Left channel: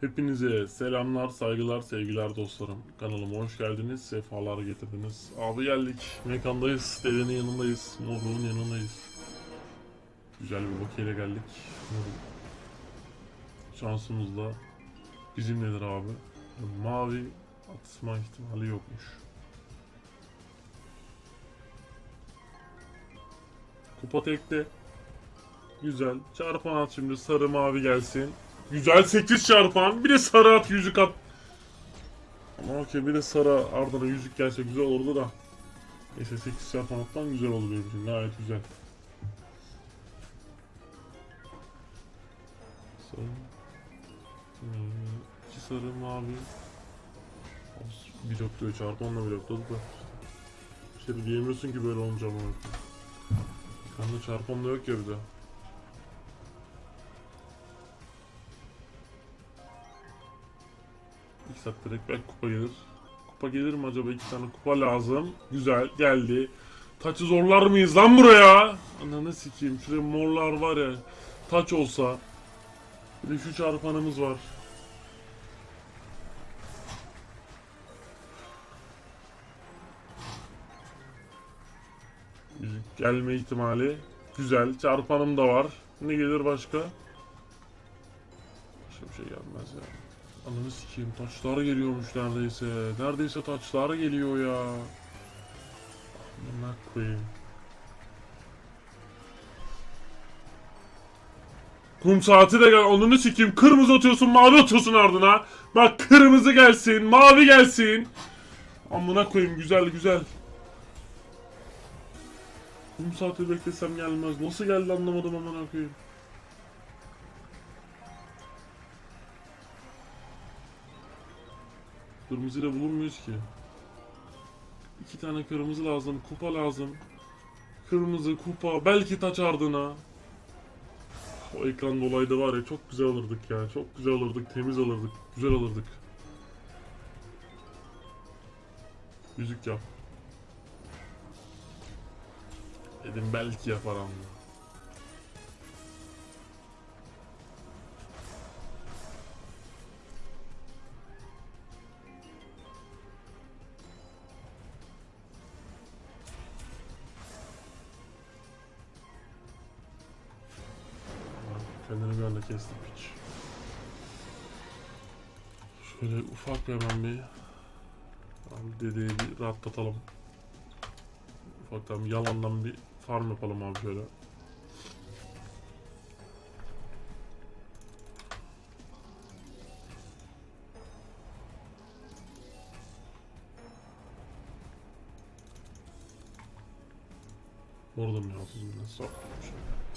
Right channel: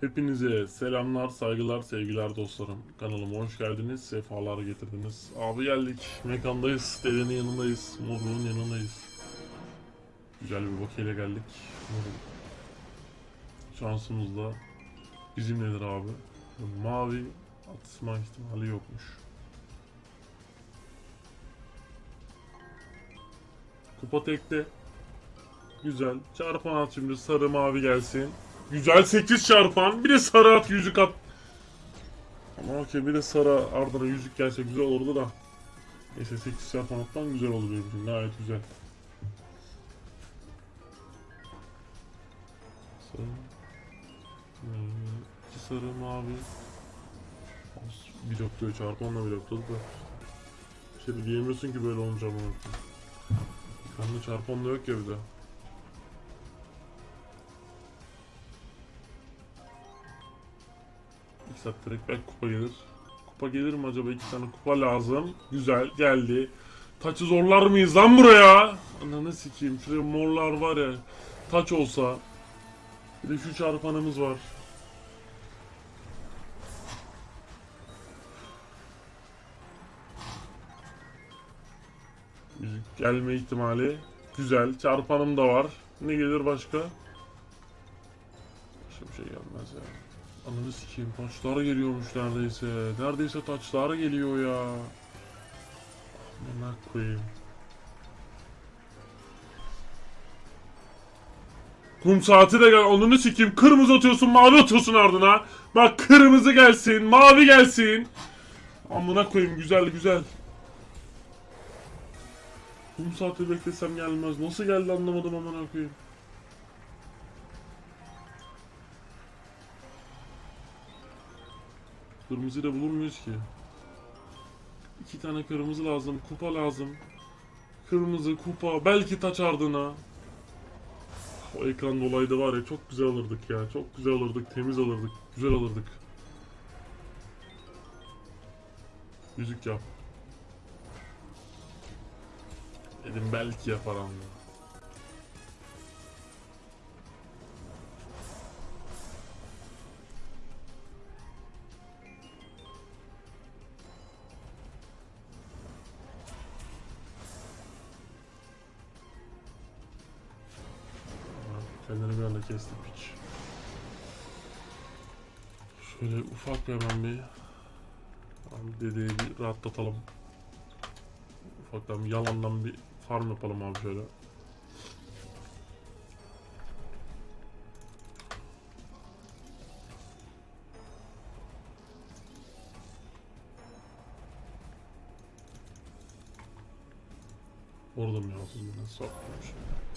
Hepinize selamlar, saygılar, sevgiler dostlarım. Kanalıma hoş geldiniz, sefalar getirdiniz. Abi geldik, mekandayız, dedenin yanındayız, Nurlu'nun yanındayız. Güzel bir vakiyle geldik. Şansımız da bizimledir abi. Mavi atma ihtimali yokmuş. Kupa tekte. Güzel. Çarpan at sarı mavi gelsin. Güzel 8 çarpan. Bir de sarı at yüzük at. Ama okey bir de sarı ardına yüzük gelse güzel olurdu da. Neyse 8 çarpan atman güzel olur benim için. Gayet güzel. Sarı. İki sarı mavi. Bir nokta çarpanla bir nokta da. Şey diyemiyorsun ki böyle olacağını. Anla çarpan da yok ya bir daha. Saat direkt kupa gelir. Kupa gelir mi acaba? İki tane kupa lazım. Güzel geldi. Taçı zorlar mıyız lan buraya? Ananı sikeyim. Şuraya morlar var ya. Taç olsa. Bir şu çarpanımız var. Gelme ihtimali güzel. Çarpanım da var. Ne gelir başka? Ananı sikeyim. Taçlar geliyormuş neredeyse. Neredeyse taçlar geliyor ya. Amına koyayım. Kum saati de gel. Onunu sikeyim. Kırmızı atıyorsun, mavi atıyorsun ardına. Bak kırmızı gelsin, mavi gelsin. Amına koyayım güzel güzel. Kum saati beklesem gelmez. Nasıl geldi anlamadım amına koyayım. Kırmızıyla bulur muyuz ki? İki tane kırmızı lazım, kupa lazım. Kırmızı, kupa, belki taç ardına. O ekran olaydı var ya çok güzel alırdık ya. Çok güzel alırdık, temiz alırdık, güzel alırdık. Müzik yap. Dedim belki yapar ama. Kendini bir anda kestim hiç. Şöyle ufak hemen bir abi dedeyi bir rahatlatalım. Ufaktan yalandan bir farm yapalım abi şöyle. Oradan biraz saklayayım şöyle.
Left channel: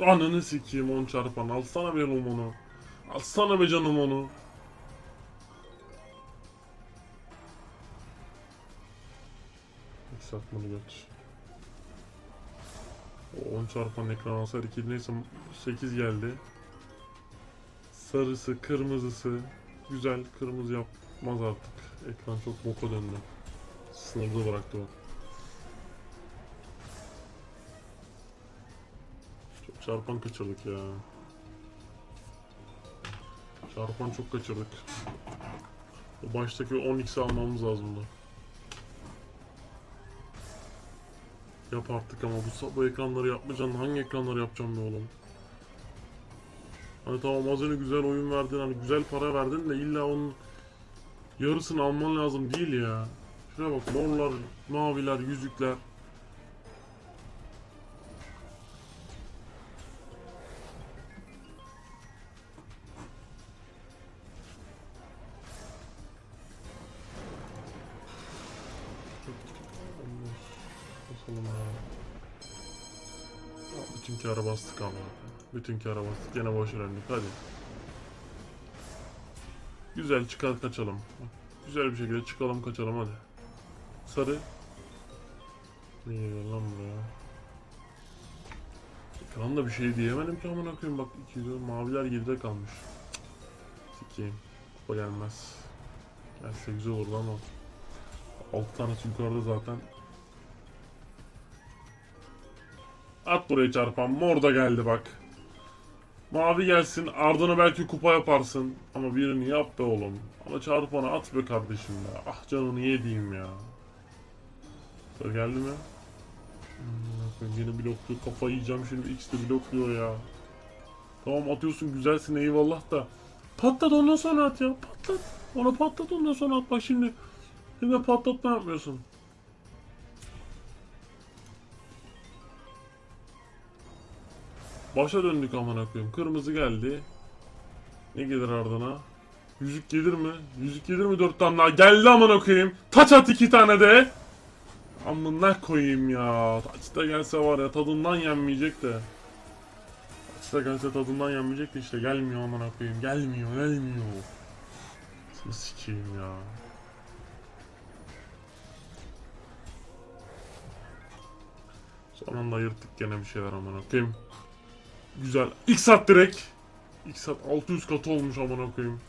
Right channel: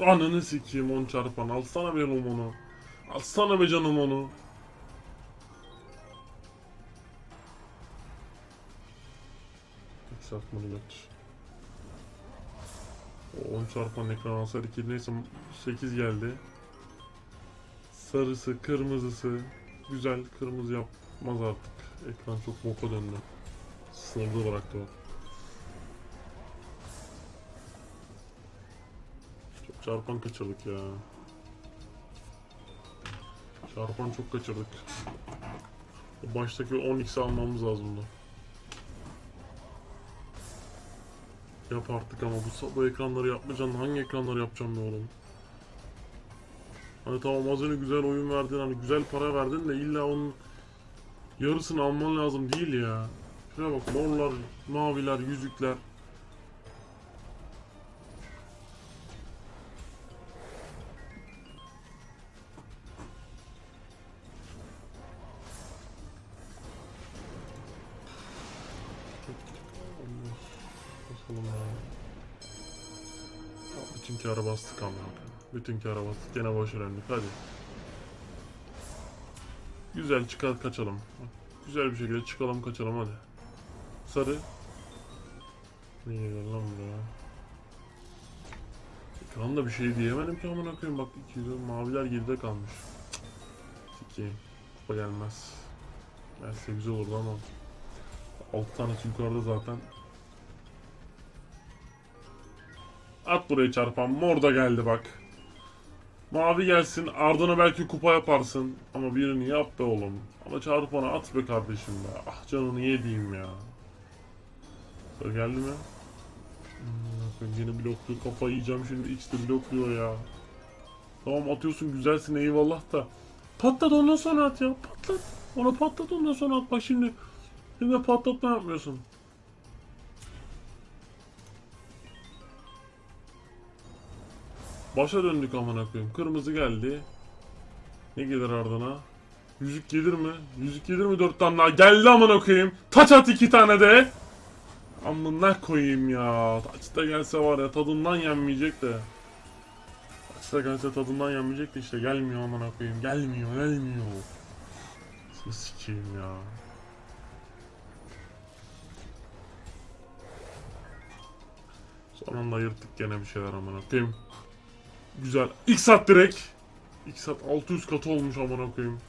Ananı sikeyim on çarpan. Alsana be oğlum onu. Alsana be canım onu. Yükseltmeli geç. Bu 10 çarpan ekran hasar 2 neyse 8 geldi. Sarısı, kırmızısı. Güzel kırmızı yapmaz artık. Ekran çok boka döndü. Sınırda bıraktı o. Çarpan kaçırdık ya. Çarpan çok kaçırdık. O baştaki 10x'i almamız lazımdı. Yap artık ama bu, bu ekranları yapmayacaksın. Hangi ekranları yapacağım ben oğlum? Hani tamam az önce güzel oyun verdin hani güzel para verdin de illa onun yarısını alman lazım değil ya. Şuna bak mollar, maviler, yüzükler. Bütün kâra bastık abi. Bütün kâra bastık. Gene boş elendik. Hadi. Güzel çıkar kaçalım. Güzel bir şekilde çıkalım kaçalım hadi. Sarı. İyi lan. Tamam da bir şey diyemedim ki amına koyayım bak ikinci maviler geride kalmış. Sikeyim. Kupa gelmez. Gelse güzel olur lan o. Alt tanesi yukarıda zaten. At buraya çarpan. Mor da geldi bak. Mavi gelsin. Ardına belki kupa yaparsın. Ama birini yap be oğlum. Ama çarpanı at be kardeşim be. Ah canını yediğim ya. Sıra geldi mi? Hmm, yine blokluyor. Kafa yiyeceğim şimdi. X de blokluyor ya. Tamam atıyorsun güzelsin eyvallah da. Patlat ondan sonra at ya. Patlat. Onu patlat ondan sonra at. Bak şimdi. Şimdi patlatma yapmıyorsun. Başa döndük amına koyayım. Kırmızı geldi. Ne gelir ardına? Yüzük gelir mi? Yüzük gelir mi dört tane daha? Geldi amına koyayım. Taç at iki tane de. Amına koyayım ya. Taç da gelse var ya tadından yenmeyecek de. Taç da gelse tadından yenmeyecek de işte gelmiyor amına koyayım. Gelmiyor gelmiyor. Sikeyim ya. Son anda yırttık gene bir şeyler amına koyayım. Güzel. İlk sat direkt. İlk sat 600 katı olmuş amına koyayım.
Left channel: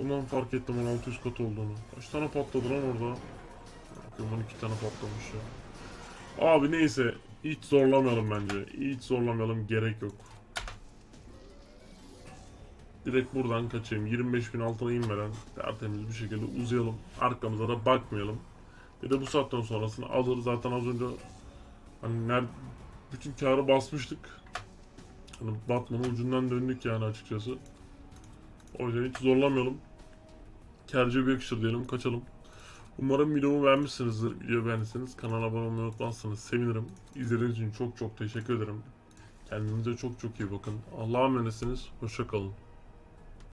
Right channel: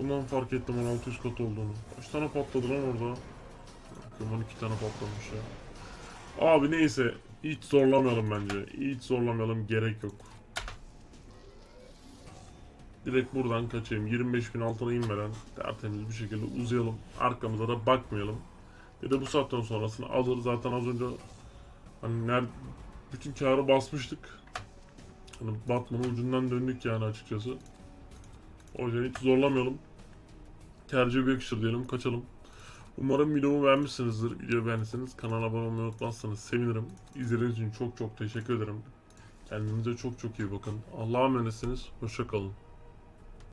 Ondan fark ettim ben 600 katı olduğunu. Kaç tane patladı lan orada? Ondan iki tane patlamış ya. Abi neyse. Hiç zorlamayalım bence. Hiç zorlamayalım. Gerek yok. Direkt buradan kaçayım. 25 bin altına inmeden tertemiz bir şekilde uzayalım. Arkamıza da bakmayalım. Bir de bu saatten sonrasını alır zaten az önce hani ner bütün karı basmıştık. Hani batmanın ucundan döndük yani açıkçası. O yüzden hiç zorlamayalım. Tercih göksür diyelim kaçalım. Umarım videomu beğenmişsinizdir. Video beğendiyseniz kanala abone olmayı unutmazsanız sevinirim. İzlediğiniz için çok çok teşekkür ederim. Kendinize çok çok iyi bakın. Allah'a emanetsiniz. Hoşça kalın.